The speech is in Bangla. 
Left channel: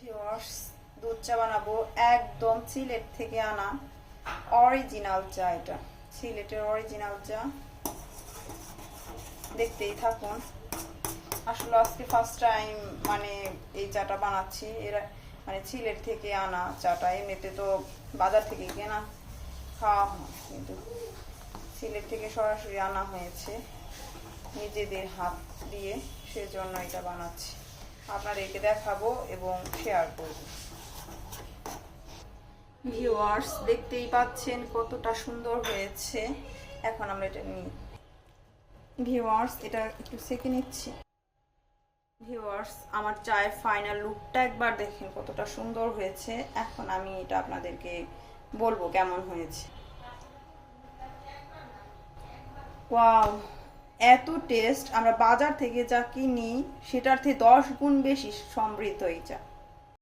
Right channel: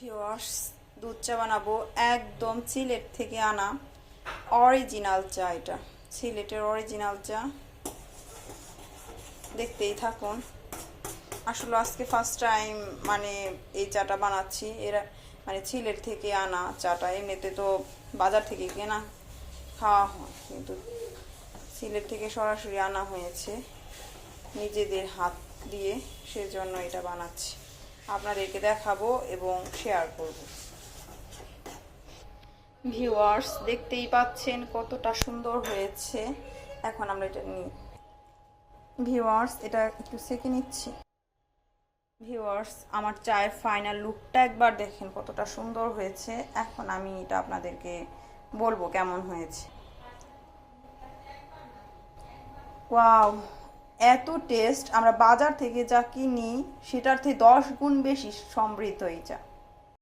ভিওয়ার্স দুধ চা বানাবো একদম সিলেট থেকে আনা অরিজিনাল চা এটা। সিলেটের অরিজিনাল চা। দেখতেই থাকুন। আসলে আজকে ফার্স্ট টাইম মানে এই চাটা বানাচ্ছি। এরা মানে সিলেট থেকে আনা চাটা। এমনিতে তো বাজার থেকে কেনা, খাওয়া হয়, কিন্তু সিলেট থেকে সরাসরি আনা হয়েছে নিজেদের হাত দিয়ে। সেজন্য এটা বানাচ্ছি। আপনাদেরকে দেখাবো এবং শেয়ার করব। ভিউয়ার্স দেখতেই পাচ্ছেন কতটা সুন্দর হয়েছে। এখন আমরা এটা নিই। ভিউয়ার্স এটা একটু সেকে নিচ্ছি। ভিউয়ার্স আমার চায়ের ফাইনাল লুকটা একবার দেখেন কতটা সুন্দর হয়েছে। এখন আমি এটা আপনাদেরকে বলব কেমন হয়েছে। ওয়াও এত টেস্ট আমরা বাজার থেকে যা কিনি, সেটার থেকে দশ গুণ বেশি সমৃদ্ধ এই চা।